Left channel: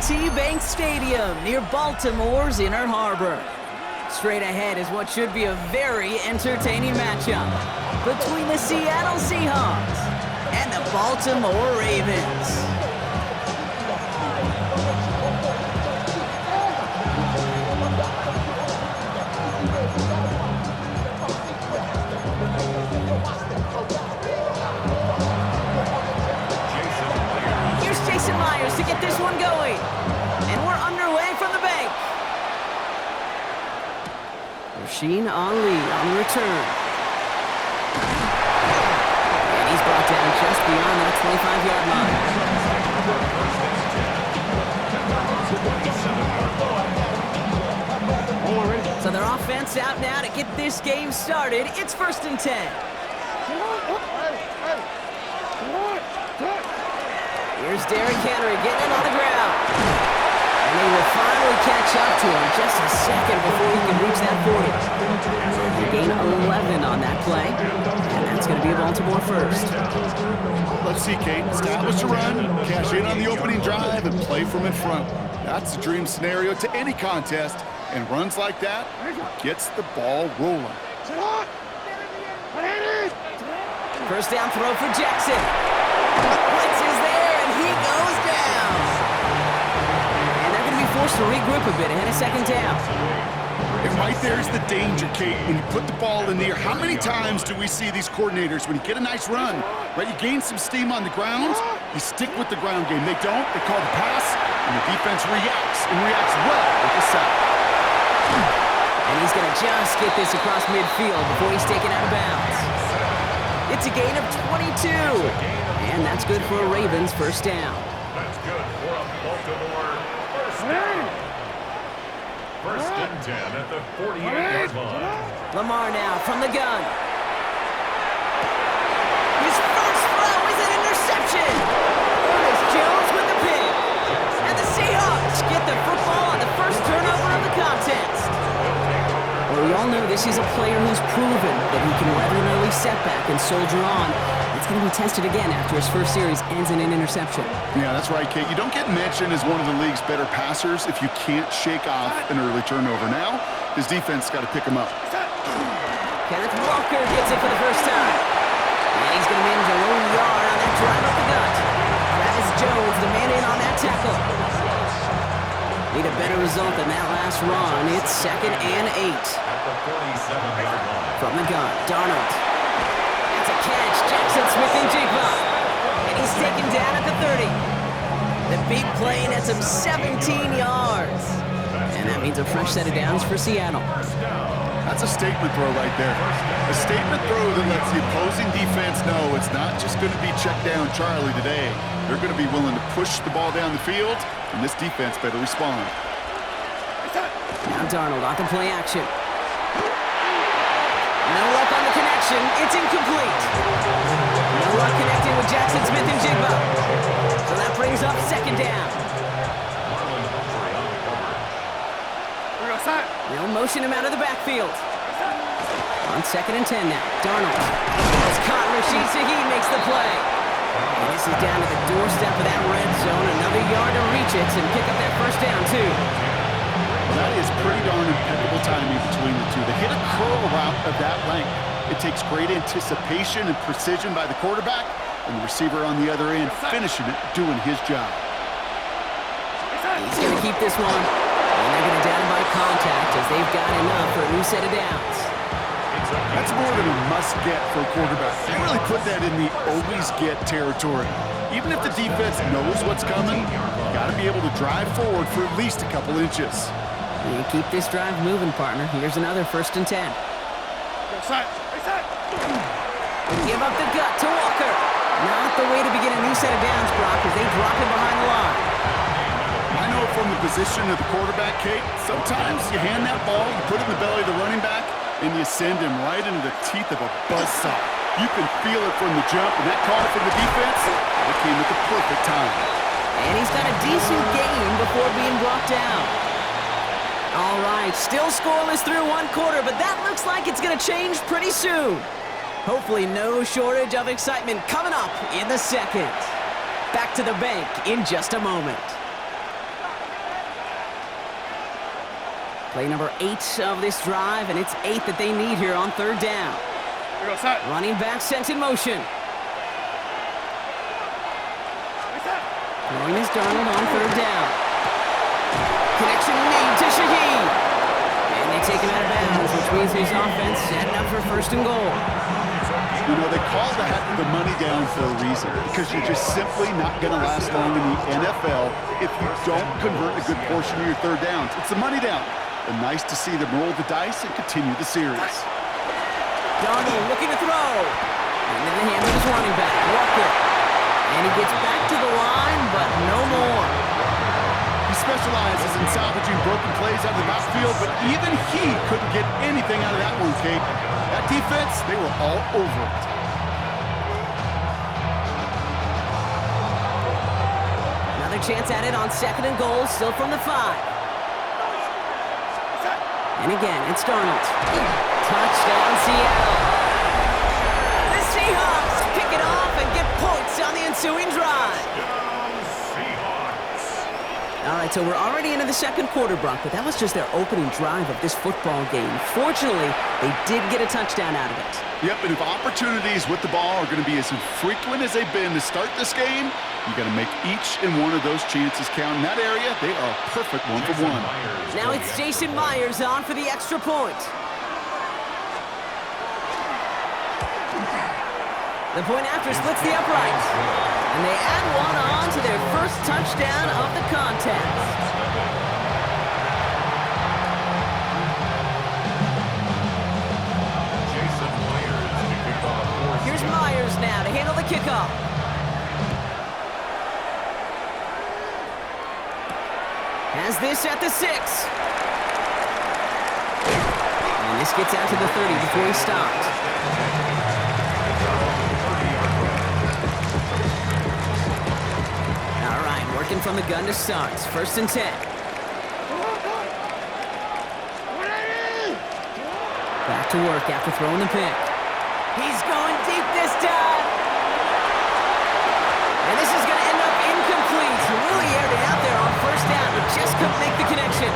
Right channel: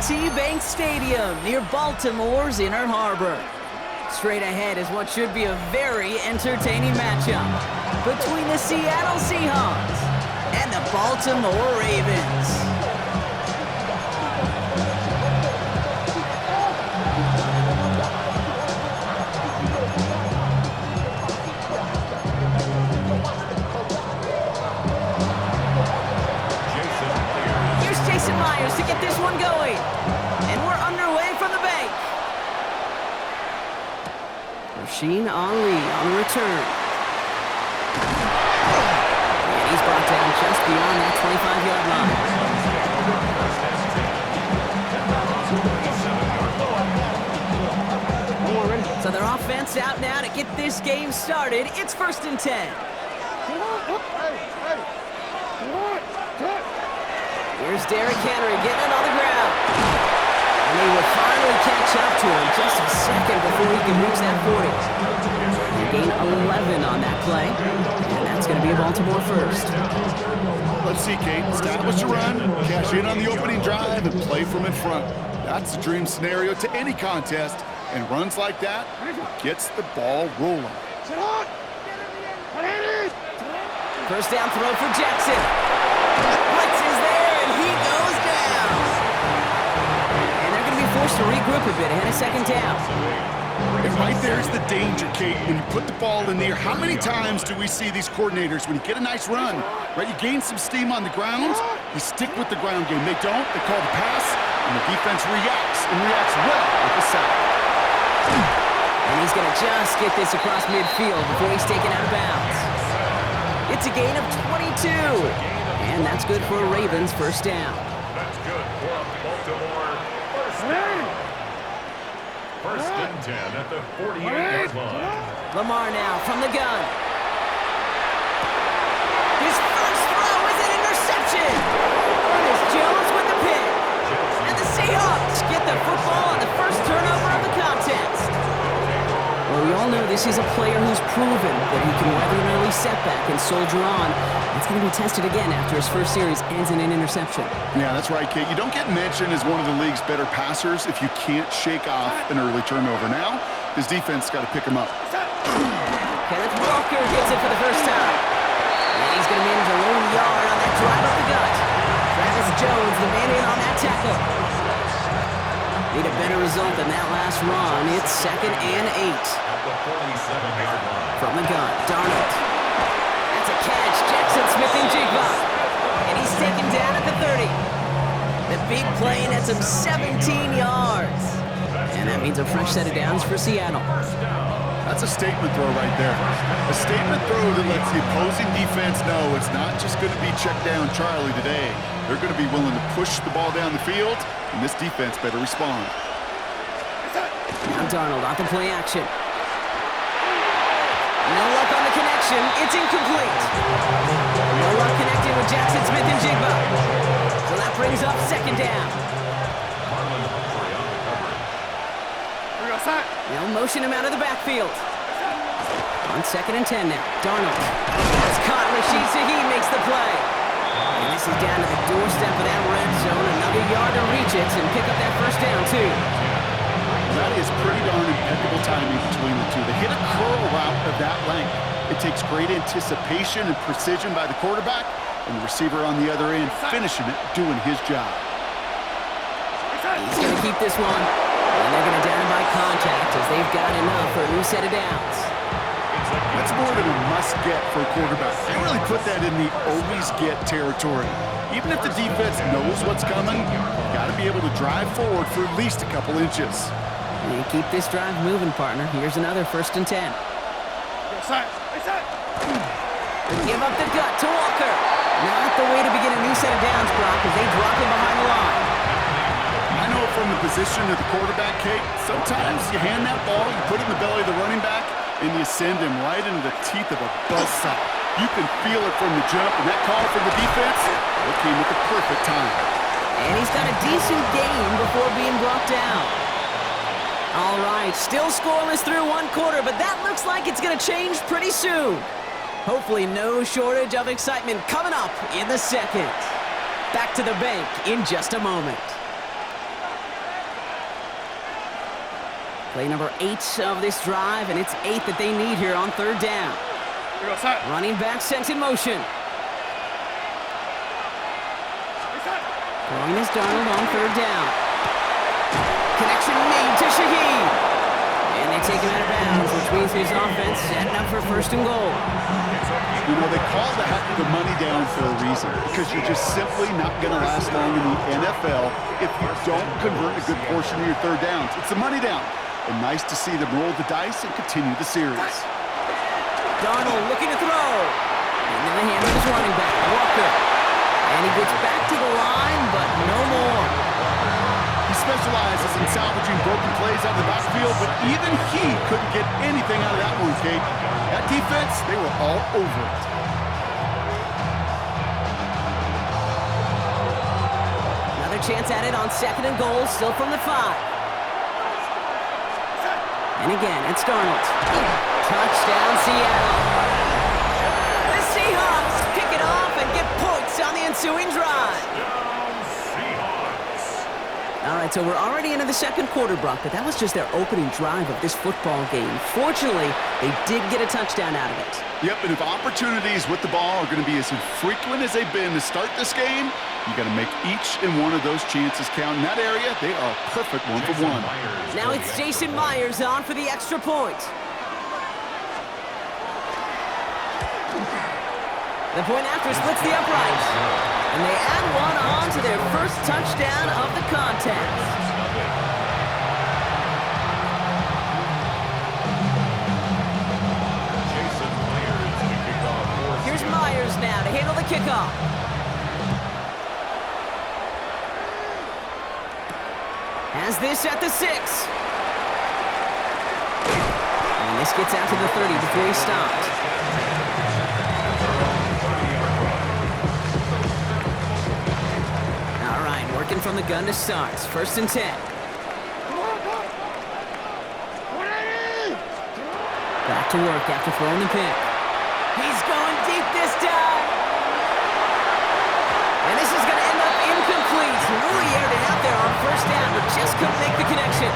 M&T Bank Stadium near Baltimore's Inner Harbor. Straight ahead is what should be a very entertaining matchup between the Seattle Seahawks and the Baltimore Ravens. To get this one going, and we're underway from the bank. Rasheen Ali on the return, and he's brought down just beyond that 25-yard line. So their offense out now to get this game started. It's 1st and 10. Here's Derrick Henry getting it on the ground. And they will finally catch up to him just a second before he can reach that 40. They gain 11 on that play, and that's going to be a Baltimore first. Let's see, Kate. Establish a run, cash in on the opening drive, and play from in front. That's the dream scenario to any contest, and runs like that gets the ball rolling. First down throw for Jackson. Blitz is there, and he goes down. And they're going to be forced to regroup a bit ahead of 2nd down. And right there's the danger, Kate. When you put the ball in the air, how many times do we see these coordinators, when you get a nice run, right, you gain some steam on the ground, you stick with the ground game. They don't. They call the pass, and the defense reacts, and reacts well with the sack. And he's going to just get this across midfield before he's taken out of bounds. It's a gain of 22. And that's good for a Ravens first down. That's good for a Baltimore first down. 1st and 10 at the 48-yard line. Lamar now from the gun. His first throw is an interception. Ernest Jones with the pick. And the Seahawks get the football on the first turnover of the contest. Well, we all know this is a player who's proven that he can weather an early setback and soldier on. It's going to be tested again after his first series ends in an interception. Yeah, that's right, Kate. You don't get mentioned as one of the league's better passers if you can't shake off an early turnover. Now, his defense got to pick him up. Kenneth Walker gets it for the first time. And he's going to manage a lone yard on that drive up the gut. Travis Jones, the man in on that tackle. Need a better result than that last run. It's 2nd and 8. At the 47-yard line. From the gun, Darnold. That's a catch. Jackson Smith-Njigba. And he's taken down at the 30. The big play nets him 17 yards. And that means a fresh set of downs for Seattle. That's a statement throw right there. A statement throw that lets the opposing defense know it's not just going to be check down Charlie today. They're going to be willing to push the ball down the field, and this defense better respond. Now Darnold off the play action. No luck on the connection. It's incomplete. No luck connecting with Jackson Smith-Njigba. So that brings up 2nd down. Marlon Humphrey on the coverage. They'll motion him out of the backfield. On 2nd and 10 now. Darnold. That's caught. Rashid Shaheed makes the play. And this is down to the doorstep of that red zone. Another yard to reach it and pick up that first down, too. Well, that is pretty darn impeccable timing between the two. They hit a curl route of that length. It takes great anticipation and precision by the quarterback, and the receiver on the other end finishing it, doing his job. He's going to keep this one. And they're going to down him by contact as they've got enough for a new set of downs. That's more than a must-get for a quarterback. They really put that in the always-get territory. Even if the defense knows what's coming, you got to be able to drive forward for at least a couple inches. And keep this drive moving, partner. Here's another 1st and 10. Give up the gut to Walker. Not the way to begin a new set of downs, Brock, as they drop him behind the line. I know from the position of the quarterback, Kate, sometimes you hand that ball, you put it in the belly of the running back, and you send him right into the teeth of a buzzsaw. You can feel it from the jump, and that call from the defense, it came at the perfect time. And he's got a decent gain before being brought down. All right, still scoreless through 1 quarter, but that looks like it's going to change pretty soon. Hopefully no shortage of excitement coming up in the 2nd. Back to the bank in just a moment. Play number 8 of this drive, and it's 8 that they need here on third down. Running back sent in motion. Throwing is Darnold on third down. Connection made to Shaheed. And they take him out of bounds, which means his offense setting up for first and goal. You know, they call that the money down for a reason, because you're just simply not going to last long in the NFL if you don't convert a good portion of your third downs. It's the money down. And nice to see them roll the dice and continue the series. Darnold looking to throw. Into the hand of his running back, Walker. And he gets back to the line, but no more. He specializes in salvaging broken plays out of the backfield, but even he couldn't get anything out of that one, Kate. That defense, they were all over it. Another chance at it on second and goal, still from the 5. And again, it's Darnold. Touchdown, Seattle. The Seahawks pick it off and get points on the ensuing drive. All right, so we're already into the second quarter, Brock, but that was just their opening drive of this football game. Fortunately, they did get a touchdown out of it. Yep, and if opportunities with the ball are going to be as infrequent as they've been to start this game, you got to make each and one of those chances count. In that area, they are a perfect 1-for-1. Now it's Jason Myers on for the extra point. The point after splits the upright. And they add one on to their first touchdown of the contest. Jason Myers to kick off. Here's Myers now to handle the kickoff. Has this at the 6. And this gets out to the 30 before he stopped. All right, working from the gun to start. First and 10. Back to work after throwing the pick. He's going deep this time. And this is going to end up incomplete. He really aired it out there on first down, but just couldn't make the connection.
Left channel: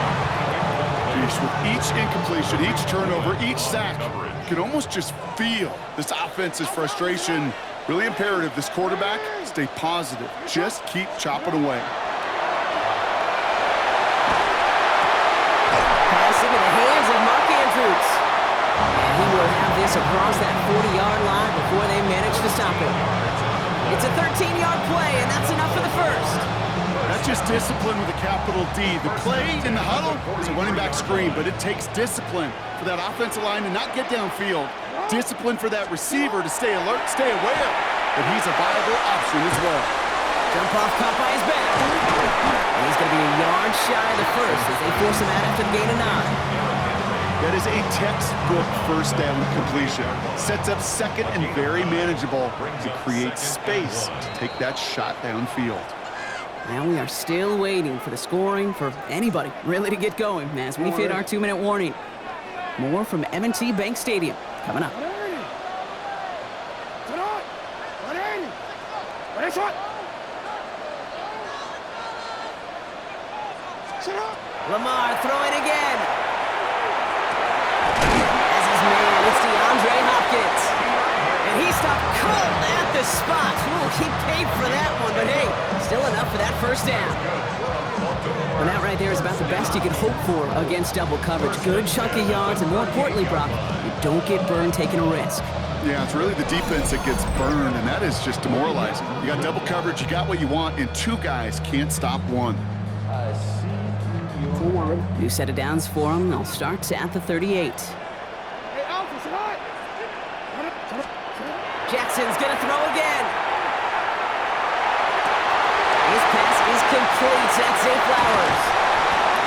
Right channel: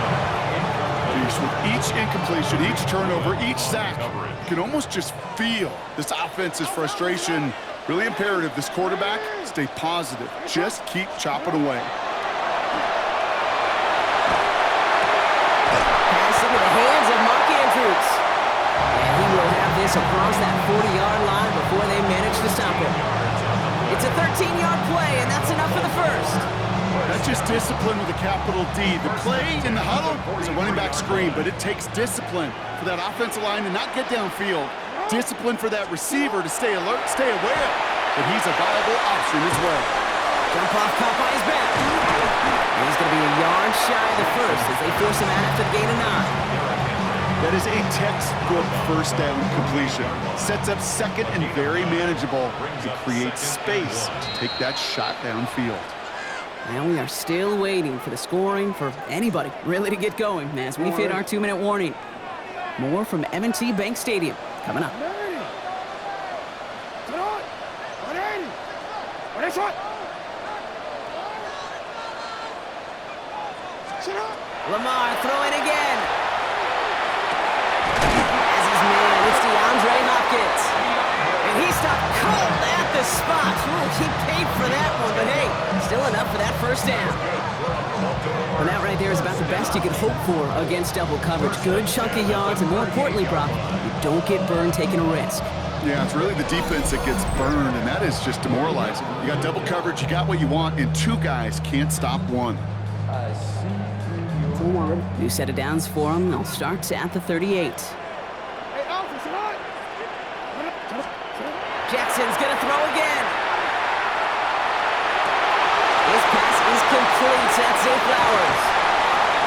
Jeez, with each incompletion, each turnover, each sack, you can almost just feel this offense's frustration. Really imperative, this quarterback, stay positive. Just keep chopping away. Pass into the hands of Mark Andrews. And he will have this across that 40-yard line before they manage to stop him. It's a 13-yard play, and that's enough for the first. That's just discipline with a capital D. The play in the huddle is a running back screen, but it takes discipline for that offensive line to not get downfield. Discipline for that receiver to stay alert, stay aware that he's a viable option as well. Jump off caught by his back. And he's going to be a yard shy of the first as they force him out after the gain of 9. That is a textbook first down completion. Sets up second and very manageable to create space to take that shot downfield. Now we are still waiting for the scoring for anybody really to get going as we've hit our 2-minute warning. More from M&T Bank Stadium coming up. Lamar throwing again. As his man, it's DeAndre Hopkins. And he stopped cold at the spot. Ooh, he paid for that one, but hey, still enough for that first down. Well, that right there is about the best you could hope for against double coverage. Good chunk of yards, and more importantly, Brock, you don't get burned taking a risk. Yeah, it's really the defense that gets burned, and that is just demoralizing. You got double coverage, you got what you want, and two guys can't stop one. New set of downs for him. They'll start at the 38. Jackson's gonna throw again. His pass is complete. That's Zay Flowers.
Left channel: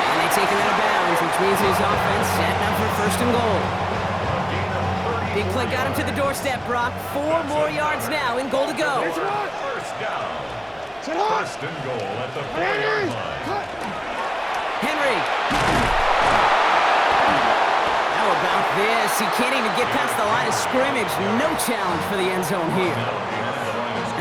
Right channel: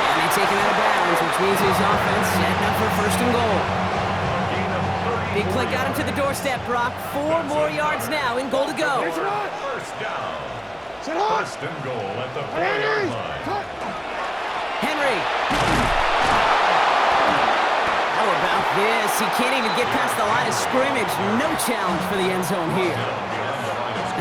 And they take him out of bounds, which means his offense setting up for first and goal. Big play got him to the doorstep, Brock. 4 more yards now in goal to go. First down. First and goal at the 4-yard line. Henry. How about this? He can't even get past the line of scrimmage. No challenge for the end zone here.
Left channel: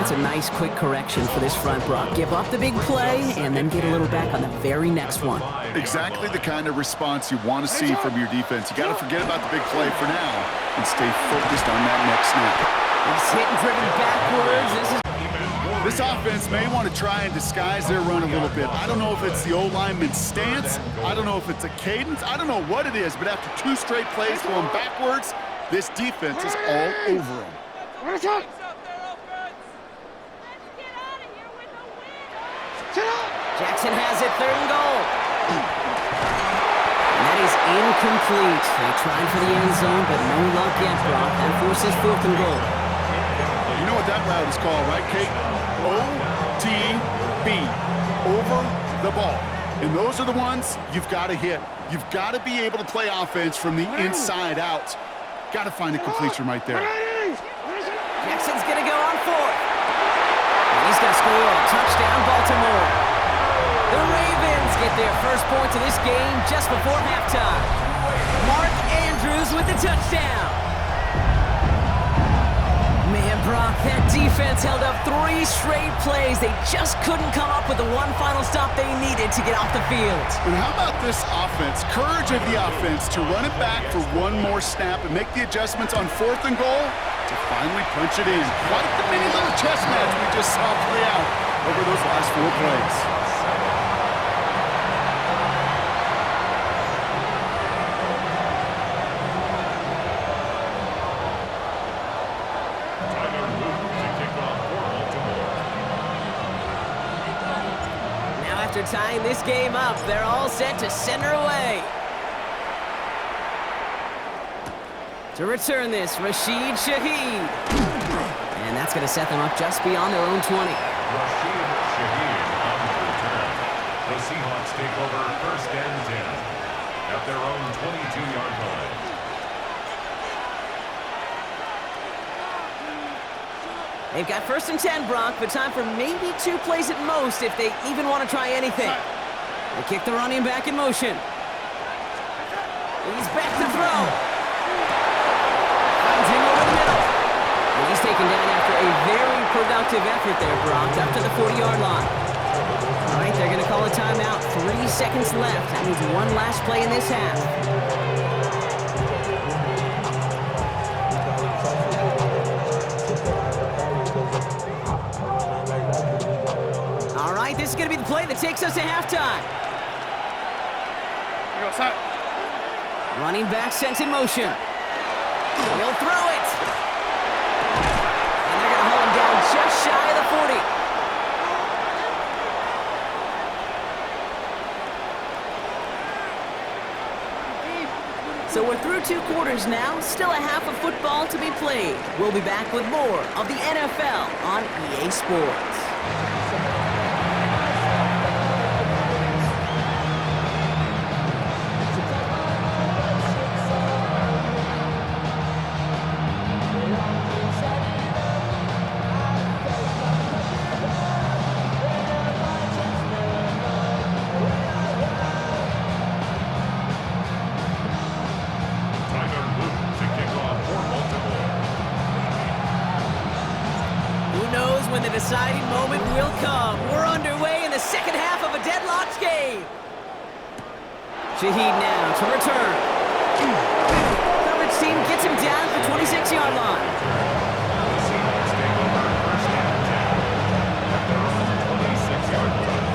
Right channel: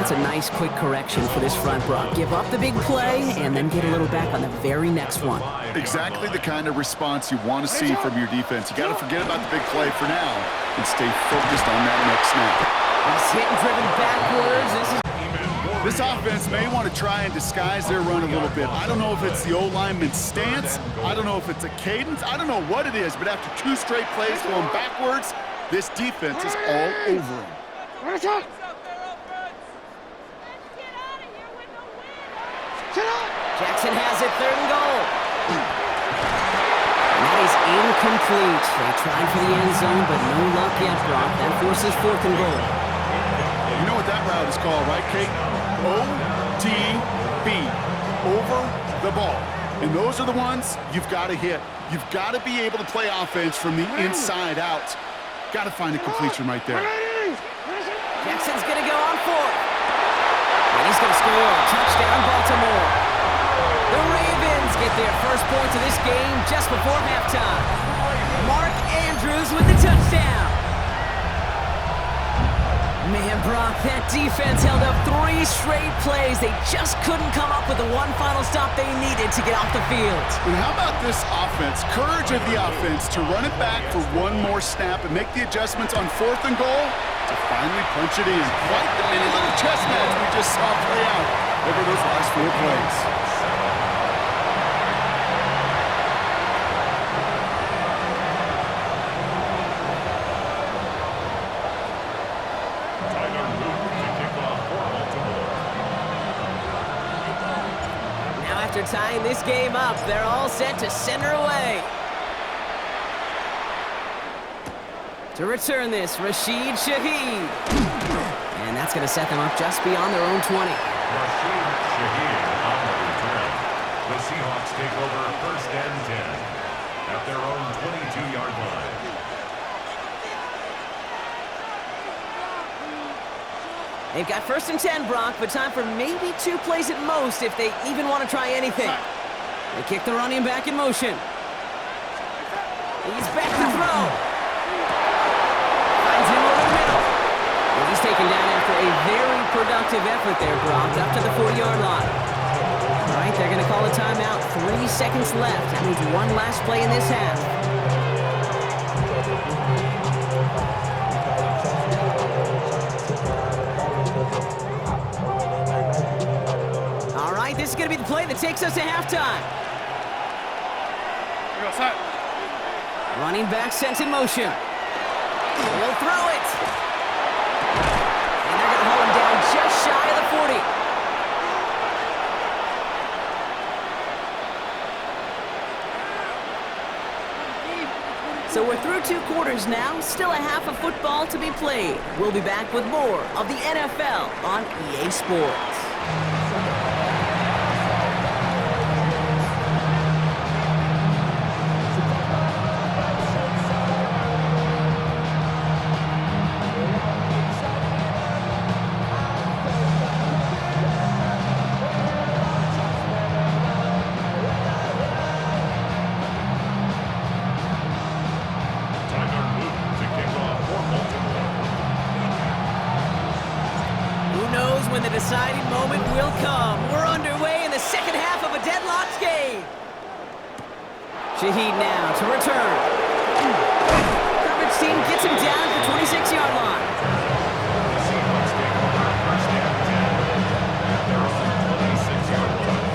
That's a nice, quick correction for this front, Brock. Give up the big play and then get a little back on the very next one. Exactly the kind of response you want to see from your defense. You got to forget about the big play for now and stay focused on that next snap. He's hit and driven backwards. This offense may want to try and disguise their run a little bit. I don't know if it's the O-lineman's stance. I don't know if it's a cadence. I don't know what it is, but after 2 straight plays going backwards, this defense is all over them. Jackson has it, 3rd and goal. And that is incomplete. They tried for the end zone, but no luck yet, Brock. That forces 4th and goal. You know what that route is called, right, Kate? OTB, over the ball. And those are the ones you've got to hit. You've got to be able to play offense from the inside out. Got to find a completion right there. Jackson's going to go on 4th. And he's going to score. Touchdown, Baltimore. The Ravens get their first points of this game just before halftime. Mark Andrews with the touchdown. Man, Brock, that defense held up 3 straight plays. They just couldn't come up with the one final stop they needed to get off the field. And how about this offense? Courage of the offense to run it back for one more snap and make the adjustments on 4th and goal to finally punch it in. Quite the mini little chess match we just saw play out over those last 4 plays. After tying this game up, they're all set to center away. To return this, Rashid Shaheed. And that's going to set them up just beyond their own 20. Rashid Shaheed on the return. The Seahawks take over 1st and 10 at their own 22-yard line. They've got 1st and 10, Brock, but time for maybe 2 plays at most if they even want to try anything. They kick the running back in motion. He's back to throw. Finds him over the middle. And he's taken down after a very productive effort there, Brock, up to the 40-yard line. All right, they're going to call a timeout. 3 seconds left. That means one last play in this half. All right, this is going to be the play that takes us to halftime. Running back sent in motion. He'll throw it. And they're going to hold him down just shy of the 40. So we're through 2 quarters now, still a half of football to be played. We'll be back with more of the NFL on EA Sports. When the deciding moment will come. We're underway in the second half of a deadlocked game. Shaheed now to return. Coverage team gets him down at the 26-yard line. The Seahawks take over 1st and 10 at their own 26-yard line.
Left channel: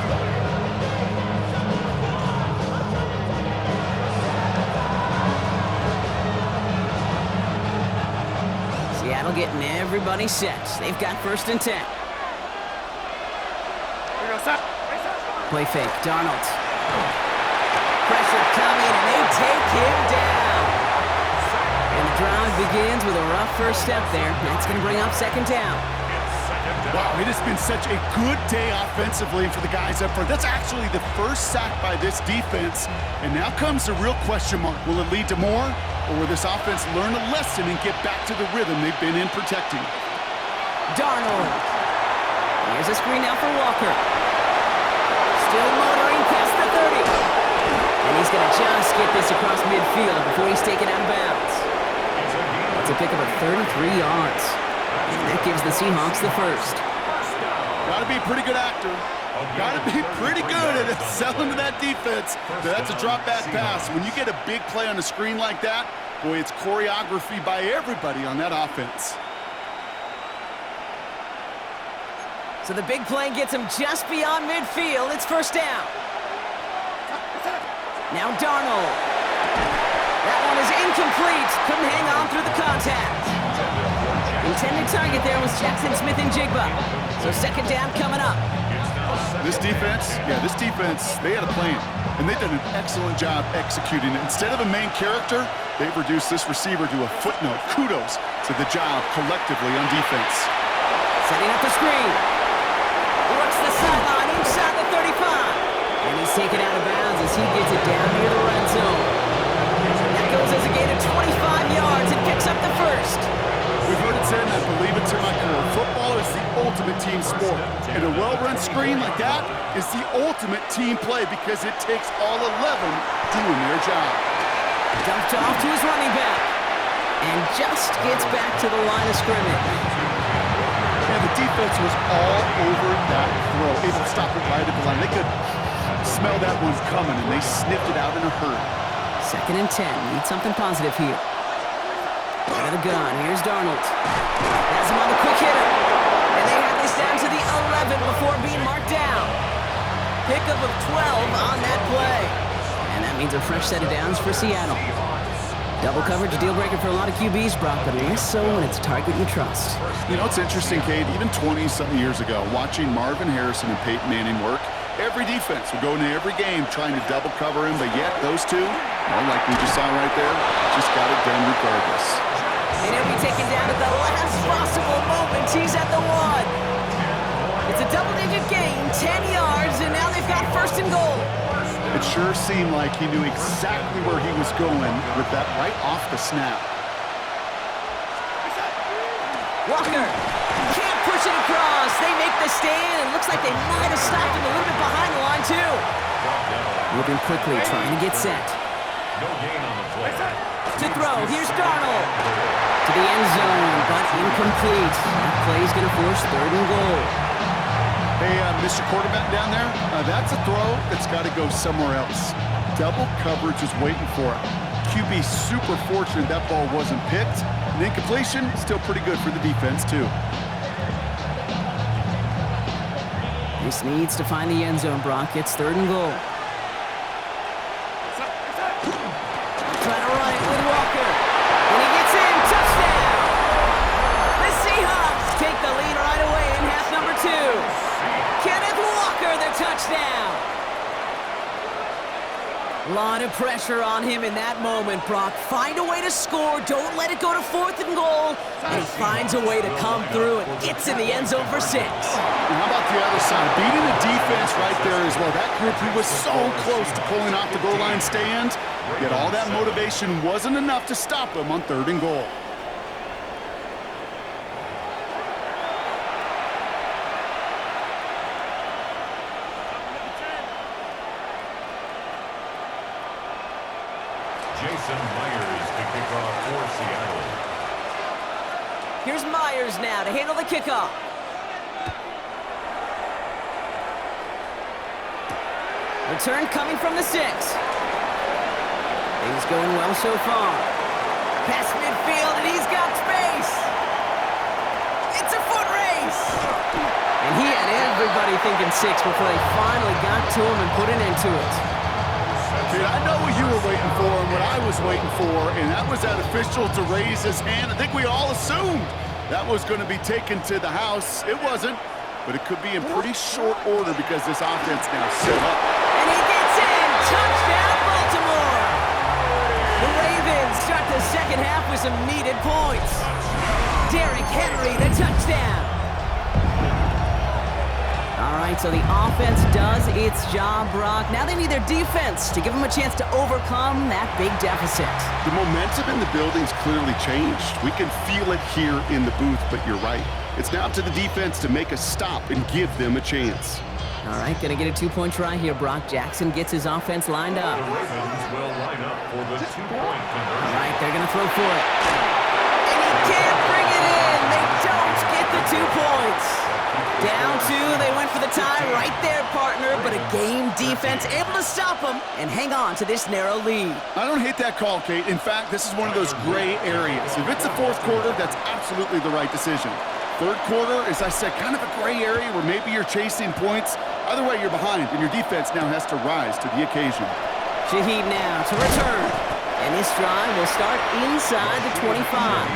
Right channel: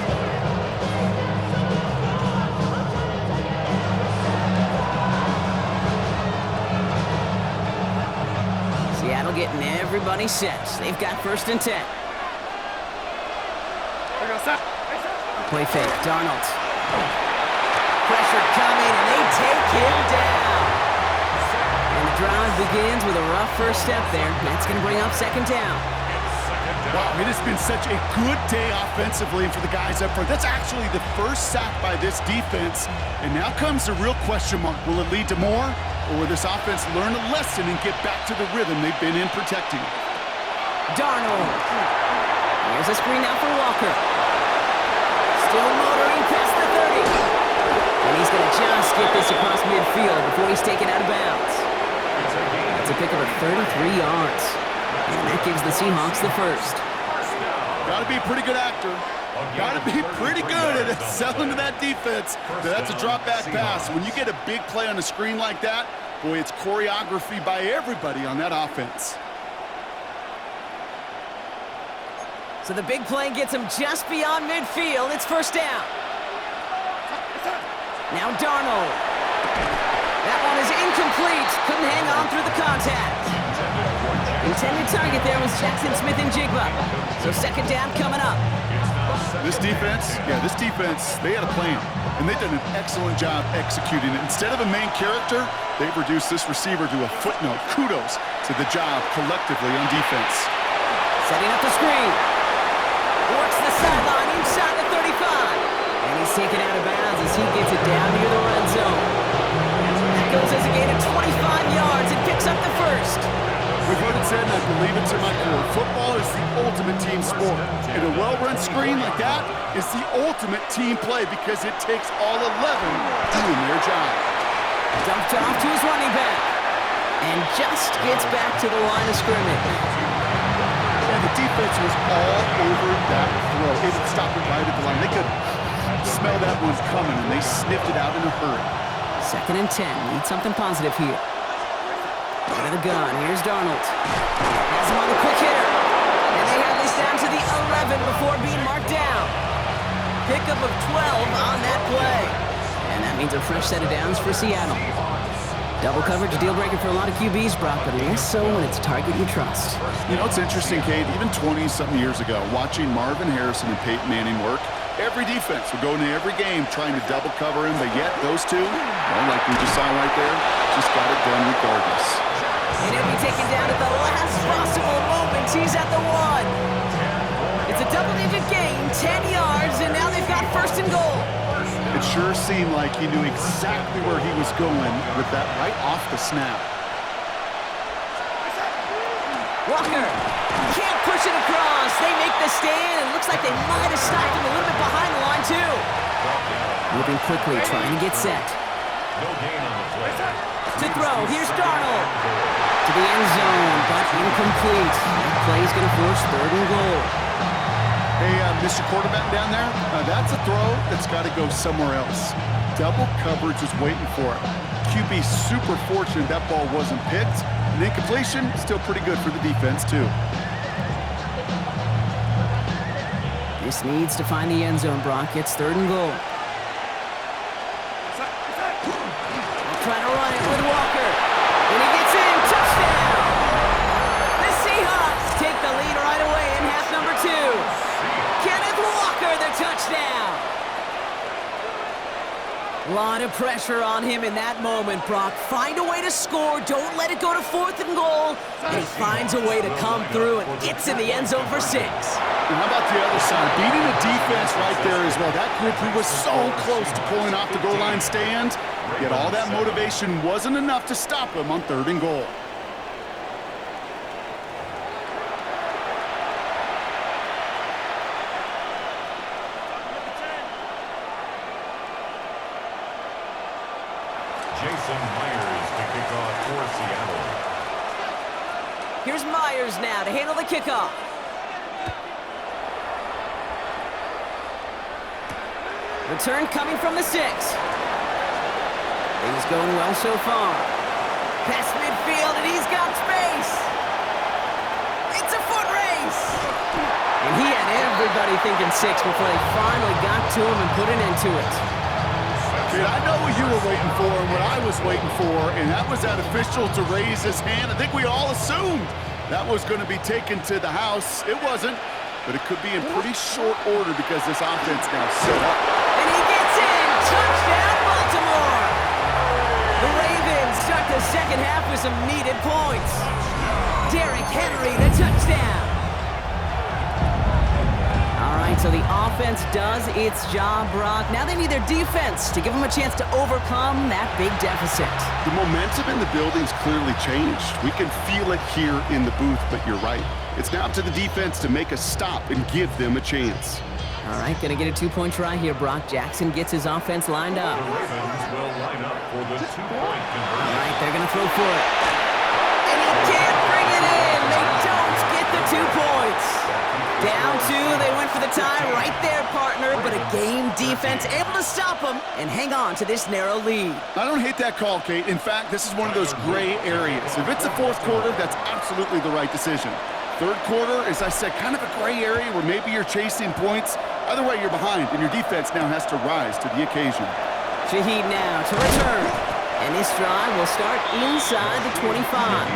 Seattle getting everybody set. They've got 1st and 10. Play fake, Darnold. Pressure coming, and they take him down. And the drive begins with a rough first step there. That's going to bring up 2nd down. Wow, it has been such a good day offensively for the guys up front. That's actually the first sack by this defense. And now comes the real question mark. Will it lead to more? Or will this offense learn a lesson and get back to the rhythm they've been in protecting? Darnold. Here's a screen now for Walker. Still motoring past the 30. And he's going to just get this across midfield before he's taken out of bounds. It's a pickup of 33 yards. And that gives the Seahawks the first. Got to be a pretty good actor. Got to be pretty good at selling to that defense. That's a drop back pass. When you get a big play on the screen like that, boy, it's choreography by everybody on that offense. So the big play gets him just beyond midfield. It's first down. Now Darnold. That one is incomplete. Couldn't hang on through the contact. Intended target there was Jackson Smith-Njigba. So second down coming up. This defense, they had a plan. And they've done an excellent job executing it. Instead of a main character, they've reduced this receiver to a footnote. Kudos to the job collectively on defense. Setting up the screen. Works the sideline inside the 35. And he's taken out of bounds as he gets it down near the red zone. That goes as a gain of 25 yards and picks up the first. We've heard it said, and I believe it to my core, football is the ultimate team sport. And a well-run screen like that is the ultimate team play because it takes all 11 doing their job. Dumped off to his running back. And just gets back to the line of scrimmage. And the defense was all over that throw. Able to stop it right at the line. They could smell that one coming, and they sniffed it out in a hurry. 2nd and 10. Need something positive here. Out of the gun. Here's Darnold. Has him on the quick hitter. And they have this down to the 11 before being marked down. Pickup of 12 on that play. And that means a fresh set of downs for Seattle. Double coverage, a deal breaker for a lot of QBs, Brock, but less so when it's a target you trust. You know, it's interesting, Kate, even 20-something years ago, watching Marvin Harrison and Peyton Manning work, every defense would go into every game trying to double cover him, but yet those two, well, like we just saw right there, just got it done regardless. And he'll be taken down at the last possible moment. He's at the 1. It's a double-digit gain, 10 yards, and now they've got 1st and goal. It sure seemed like he knew exactly where he was going with that right off the snap. Walker can't push it across. They make the stand, and looks like they might have stopped him a little bit behind the line, too. Moving quickly, trying to get set. No gain on the play. To throw, here's Darnold. To the end zone, but incomplete. That play's going to force 3rd and goal. Hey, Mr. Quarterback down there, that's a throw that's got to go somewhere else. Double coverage was waiting for it. QB super fortunate that ball wasn't picked. And incompletion, still pretty good for the defense, too. This needs to find the end zone, Brock. It's 3rd and goal. Trying to run it with Walker. And he gets in. Touchdown! The Seahawks take the lead right away in half number 2. Kenneth Walker, the touchdown. A lot of pressure on him in that moment, Brock. Find a way to score. Don't let it go to 4th and goal. And he finds a way to come through and gets in the end zone for 6. And how about the other side? Beating the defense right there as well. That group who was so close to pulling off the goal line stand, yet all that motivation wasn't enough to stop him on 3rd and goal. Jason Myers to kick off for Seattle. Here's Myers now to handle the kickoff. Return coming from the 6. Things going well so far. Past midfield, and he's got space. It's a foot race. And he had everybody thinking 6 before they finally got to him and put an end to it. Kid, I know what you were waiting for and what I was waiting for, and that was that official to raise his hand. I think we all assumed that was going to be taken to the house. It wasn't, but it could be in pretty short order because this offense now set up. And he gets in. Touchdown, Baltimore. The Ravens start the second half with some needed points. Derrick Henry, the touchdown. All right, so the offense does its job, Brock. Now they need their defense to give them a chance to overcome that big deficit. The momentum in the building's clearly changed. We can feel it here in the booth, but you're right. It's now up to the defense to make a stop and give them a chance. All right, gonna get a 2-point try here, Brock. Jackson gets his offense lined up. The Ravens will line up for the 2-point conversion. All right, they're gonna throw for it. And he can't bring it in. They don't get the 2 points. Down 2, they went for the tie right there, partner, but a game defense able to stop them and hang on to this narrow lead. I don't hate that call, Kate. In fact, this is one of those gray areas. If it's the fourth quarter, that's absolutely the right decision. Third quarter, as I said, kind of a gray area where maybe you're chasing points. Either way, you're behind, and your defense now has to rise to the occasion. Shaheed now to return. And this drive will start inside the 25.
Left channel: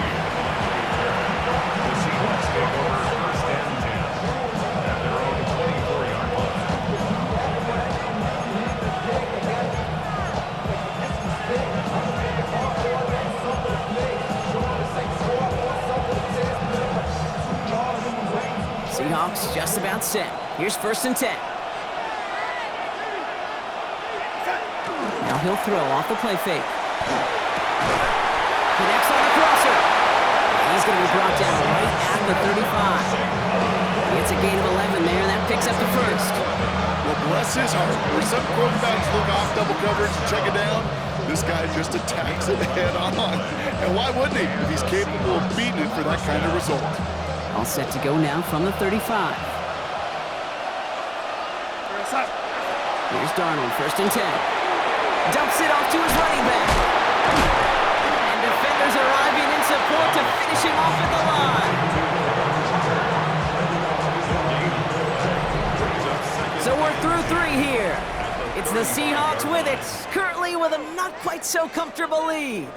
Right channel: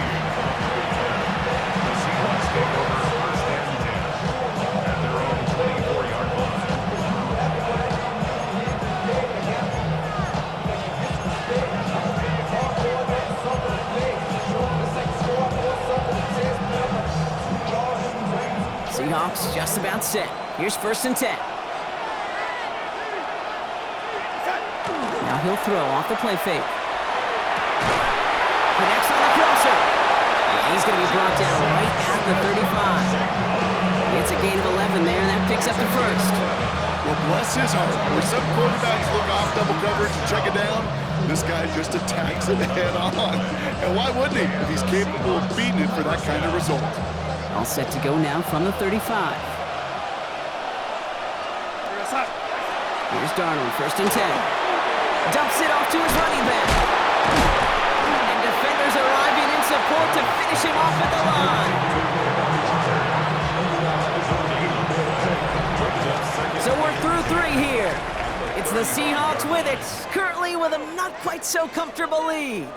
The Seahawks take over first and 10 at their own 24-yard line. Seahawks just about set. Here's first and 10. Now he'll throw off the play fake. Connects on the crosser. And he's going to be brought down right at the 35. It's a gain of 11 there, and that picks up the first. Well, bless his heart. Where some quarterbacks look off double coverage and check it down, this guy just attacks it head on. And why wouldn't he if he's capable of beating it for that kind of result? All set to go now from the 35. Here's Darnold, first and 10. Dumps it off to his running back. And defenders arriving in support to finish him off at the line. So we're through 3 here. It's the Seahawks with it, currently with a not quite so comfortable lead.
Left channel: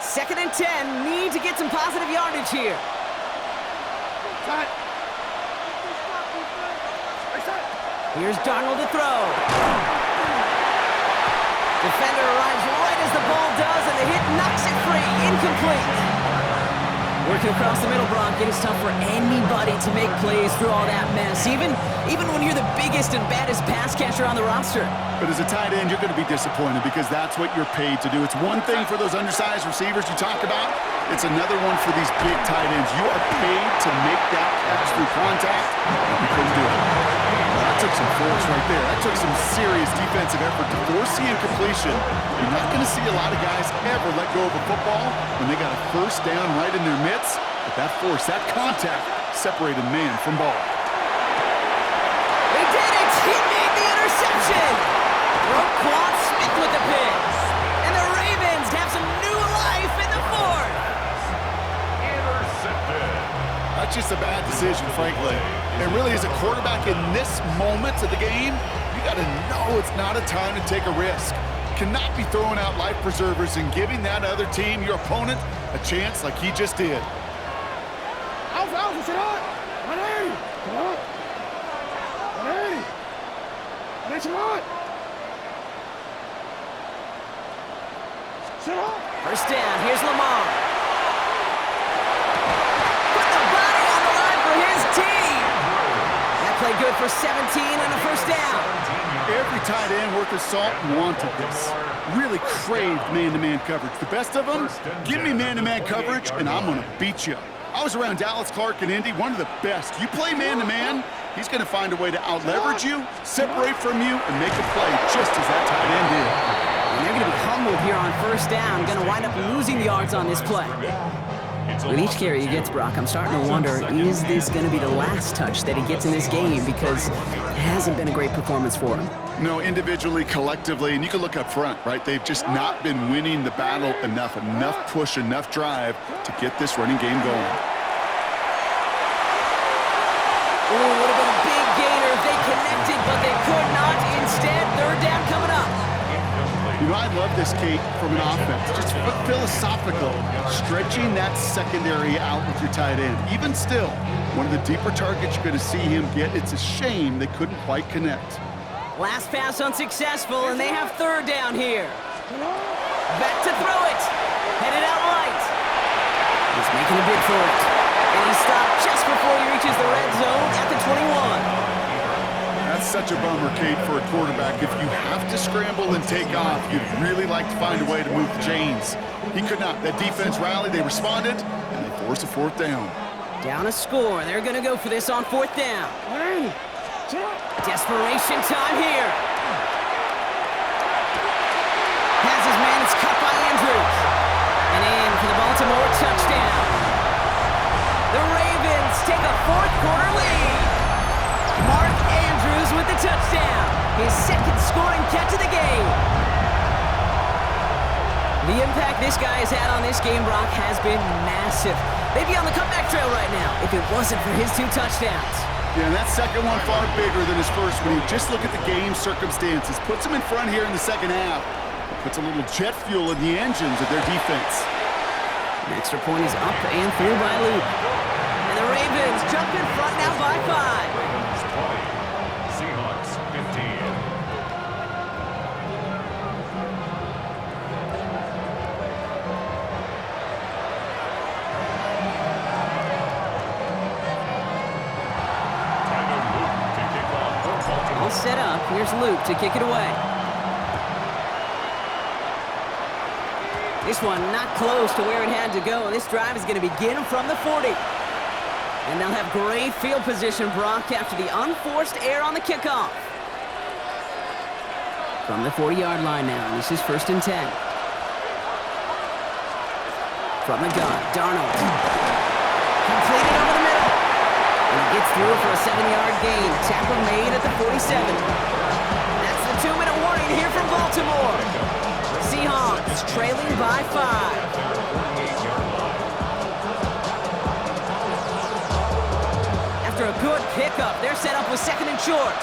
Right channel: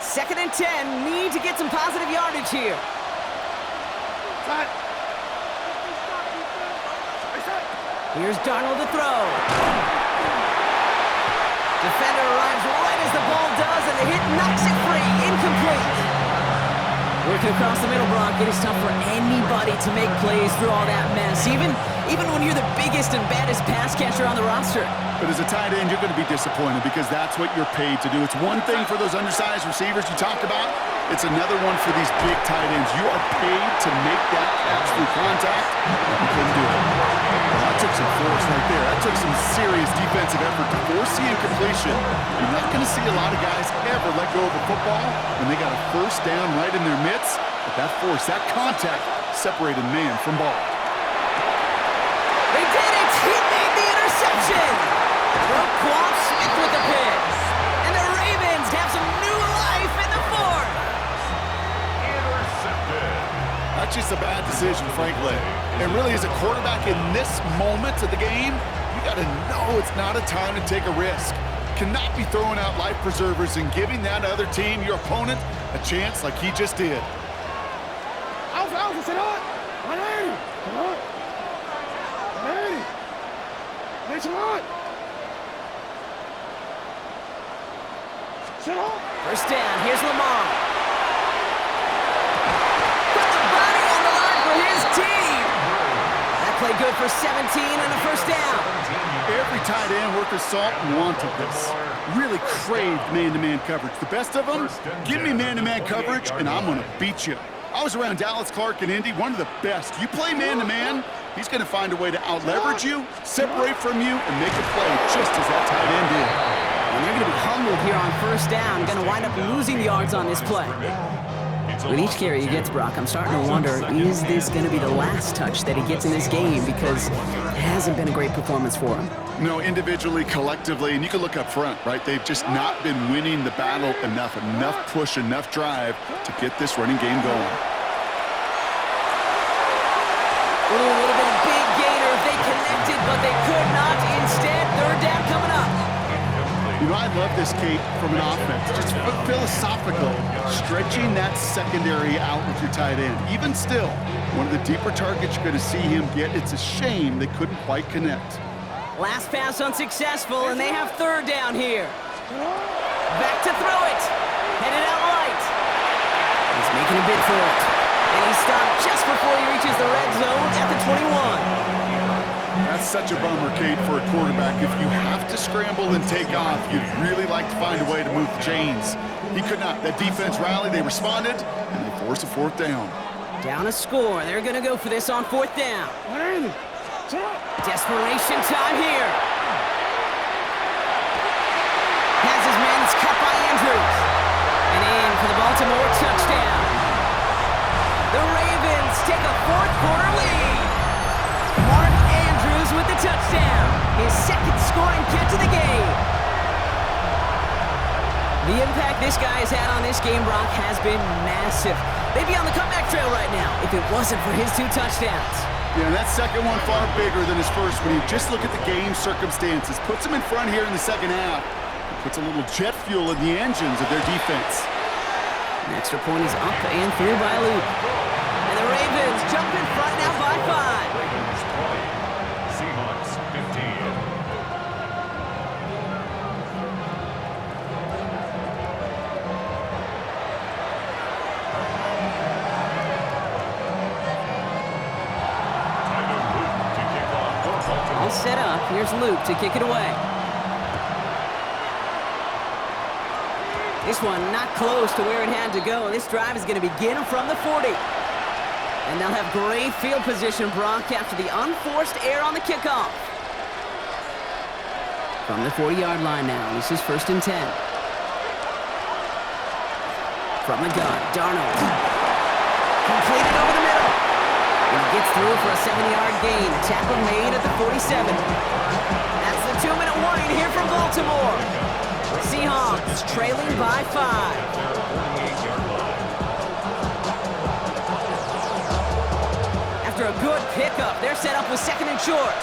Second and 10, need to get some positive yardage here. Here's Darnold to throw. Defender arrives right as the ball does, and the hit knocks it free. Incomplete. Working across the middle, Brock. It is tough for anybody to make plays through all that mess, even when you're the biggest and baddest pass catcher on the roster. But as a tight end, you're going to be disappointed because that's what you're paid to do. It's one thing for those undersized receivers you talked about. It's another one for these big tight ends. You are paid to make that catch through contact, and you couldn't do it. Well, that took some force right there. That took some serious defensive effort to force the incompletion. You're not going to see a lot of guys ever let go of a football when they got a first down right in their midst. But that force, that contact, separated man from ball. They did it! He made the interception! Roquan Smith with the pick. And the Ravens have some new life in the fourth. Intercepted. That's just a bad decision, frankly. And really, as a quarterback in this moment of the game, you got to know it's not a time to take a risk. Cannot be throwing out life preservers and giving that other team, your opponent, a chance like he just did. Alfa, sit on! 180! Come on! 180! 180, on! Sit on! First down, here's Lamar. Put the body on the line for his team. That played good for 17 and a first down. Every tight end worth his salt wanted this. Really craved man-to-man coverage. The best of them, give me man-to-man coverage and I'm going to beat you. I was around Dallas Clark and Indy, one of the best. You play man-to-man, he's going to find a way to out-leverage you, separate from you, and make a play just as that tight end did. And they're going to be humbled here on first down. Going to wind up losing yards on this play. With each carry he gets, Brock, I'm starting to wonder, is this going to be the last touch that he gets in this game? Because it hasn't been a great performance for him. No, individually, collectively, and you can look up front, right? They've just not been winning the battle enough push, enough drive to get this running game going. Ooh, would have been a big gainer if they connected, but they could not. Instead, third down coming up. You know, I love this, Kate, from an offense. Just philosophical, stretching that secondary out with your tight end. Even still, one of the deeper targets you're going to see him get. It's a shame they couldn't quite connect. Last pass unsuccessful, and they have third down here. Back to throw it. Headed out right. He's making a bid for it. And he stopped just before he reaches the red zone at the 21. That's such a bummer, Kate, for a quarterback. If you have to scramble and take off, you'd really like to find a way to move the chains. He could not. That defense rallied, they responded, and they forced a fourth down. Down a score. They're going to go for this on fourth down. Desperation time here. Has his man. It's cut by Andrews. And in for the Baltimore touchdown. The Ravens take a fourth-quarter lead. Mark Andrews with the touchdown. His second scoring catch of the game. The impact this guy has had on this game, Brock, has been massive. They'd be on the comeback trail right now if it wasn't for his 2 touchdowns. Yeah, and that second one far bigger than his first when you just look at the game circumstances. Puts him in front here in the second half. It puts a little jet fuel in the engines of their defense. An extra point is up and through by Luke. And the Ravens jump in front now by 5. Ravens 20, Seahawks 15. All set up. Here's Luke to kick it away. This one not close to where it had to go. This drive is going to begin from the 40. And they'll have great field position, Brock, after the unforced error on the kickoff. From the 40-yard line now. This is 1st and 10. From the gun, Darnold. Completed over the middle. And he gets through for a 7-yard gain. The tackle made at the 47. That's the 2-minute warning here from Baltimore. Seahawks trailing by 5. After a good pickup, they're set up with 2nd and short.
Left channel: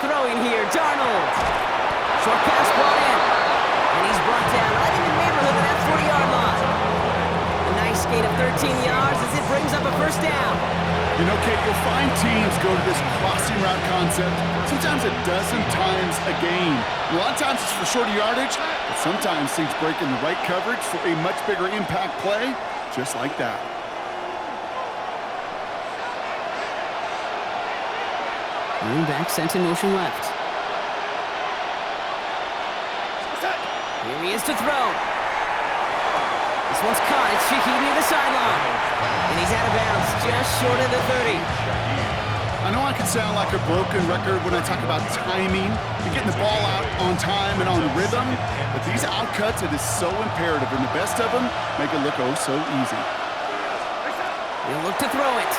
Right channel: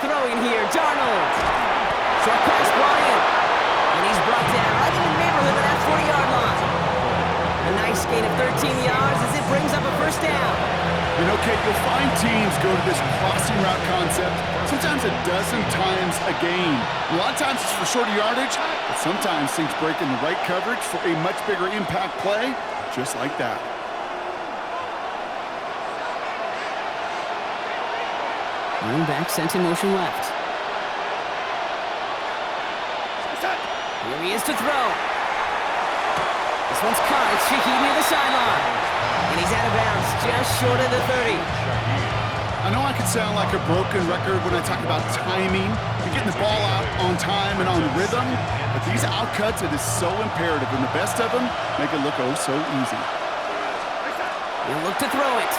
Throwing here, Darnold. Short pass brought in. And he's brought down right in the neighborhood of that 40-yard line. A nice gain of 13 yards as it brings up a 1st down. You know, Kate, you'll find teams go to this crossing route concept sometimes a dozen times a game. A lot of times it's for shorter yardage, but sometimes things break in the right coverage for a much bigger impact play, just like that. Running back sent in motion left. Here he is to throw. This one's caught. It's Shaheed near the sideline. And he's out of bounds, just short of the 30. I know I could sound like a broken record when I talk about timing and getting the ball out on time and on rhythm, but these outcuts, it is so imperative, and the best of them make it look oh so easy. He'll look to throw it.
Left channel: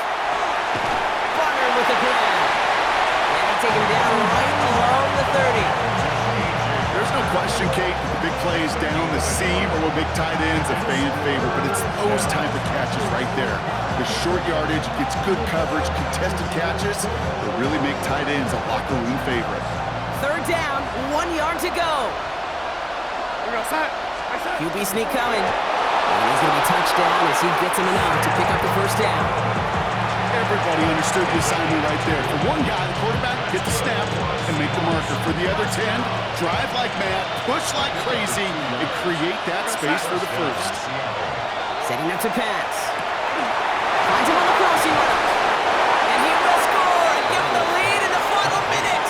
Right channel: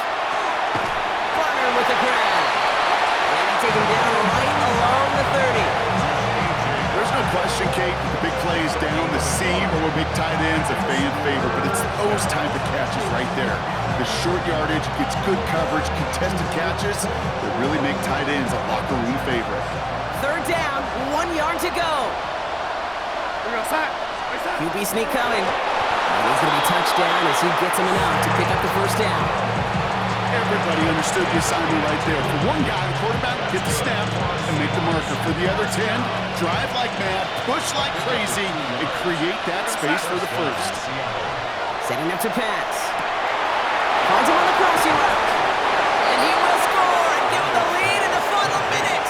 Barner with the grab. And they take him down right along the 30. There's no question, Kate, that the big plays down the seam or what make tight ends a fan favorite, but it's those type of catches right there. The short yardage, gets good coverage, contested catches that really make tight ends a locker room favorite. 3rd down, 1 yard to go. QB sneak coming. And he's going to be touched down as he gets him enough to pick up the 1st down. Everybody understood the assignment right there. For one guy, the quarterback, get the snap and make the marker. For the other 10, drive like mad, push like crazy, and create that space for the 1st. Setting up to pass. Finds him on the crossing route. And he will score and give him the lead in the final minute.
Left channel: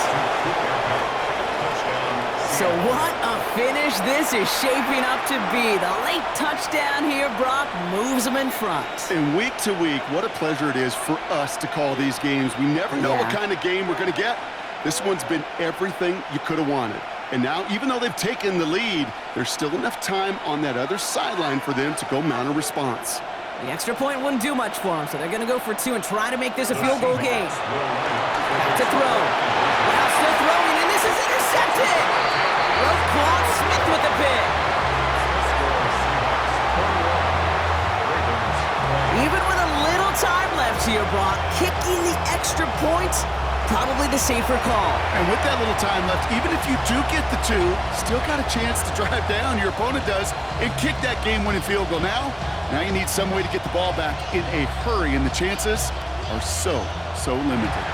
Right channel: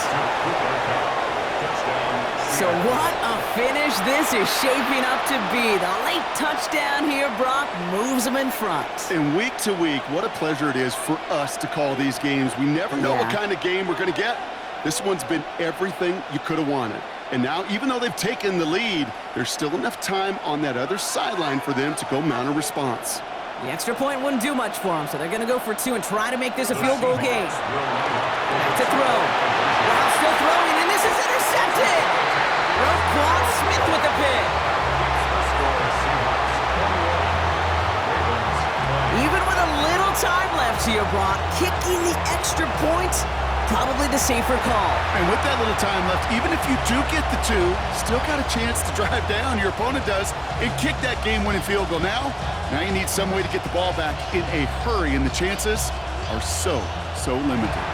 So what a finish this is shaping up to be. The late touchdown here, Brock, moves him in front. And week to week, what a pleasure it is for us to call these games. We never know what kind of game we're going to get. This one's been everything you could have wanted. And now, even though they've taken the lead, there's still enough time on that other sideline for them to go mount a response. The extra point wouldn't do much for them, so they're going to go for 2 and try to make this a field goal game. Back to throw. Brown still throwing, and this is intercepted! Roquan Smith with the pick. Even with a little time left here, Brock, kicking the extra point, probably the safer call. And with that little time left, even if you do get the 2, still got a chance to drive down, your opponent does, and kick that game-winning field goal. Now you need some way to get the ball back in a hurry, and the chances are so limited.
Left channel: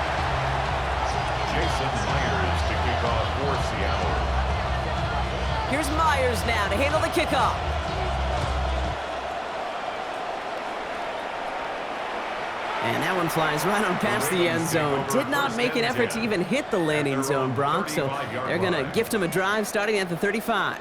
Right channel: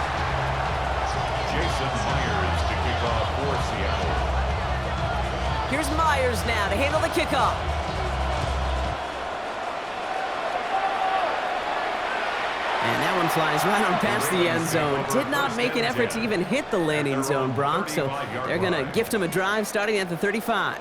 Jason Myers to kick off for Seattle. Here's Myers now to handle the kickoff. And that one flies right on past the end zone. Did not make an effort to even hit the landing zone, Brock, so they're going to gift him a drive starting at the 35.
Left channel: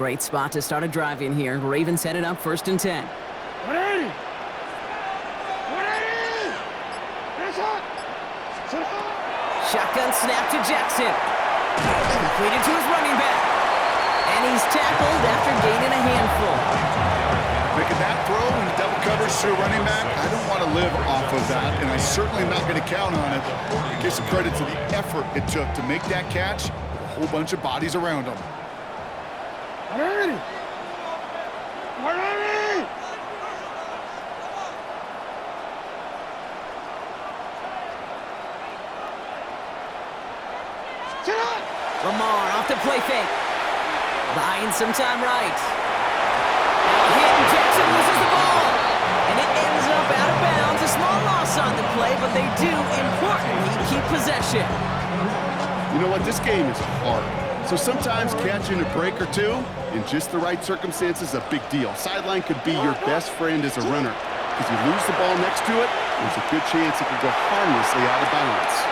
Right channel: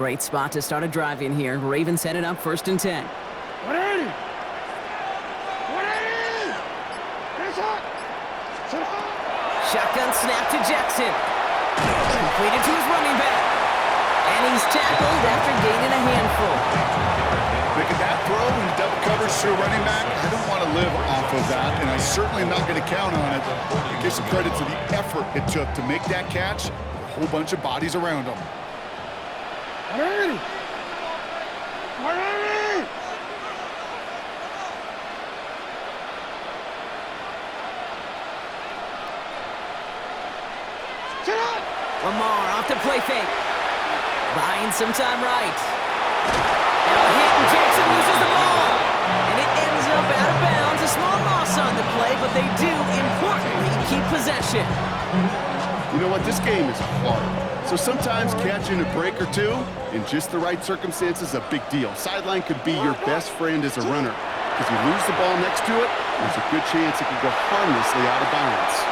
Great spot to start a drive in here. Ravens set it up 1st and 10. 180! 180! That's hot! Sit hot! Shotgun snap to Jackson. Completed to his running back. And he's tackled after gaining a handful. Making that throw in double coverage to a running back, I don't want to live off of that, and I certainly am not going to count on it. Give some credit to the effort it took to make that catch with a whole bunch of bodies around him. 180! 180! Sit up! Lamar off the play fake. Buying some time right. Now a hit and Jackson loses the ball. And it ends up out of bounds. A small loss on the play, but they do, importantly, keep possession. You know what? This game is hard. So sometimes catching a break or two in just the right circumstances is a big deal. Sideline could be your best friend as a runner. If you lose the ball next to it, there's a good chance it could go harmlessly out of bounds.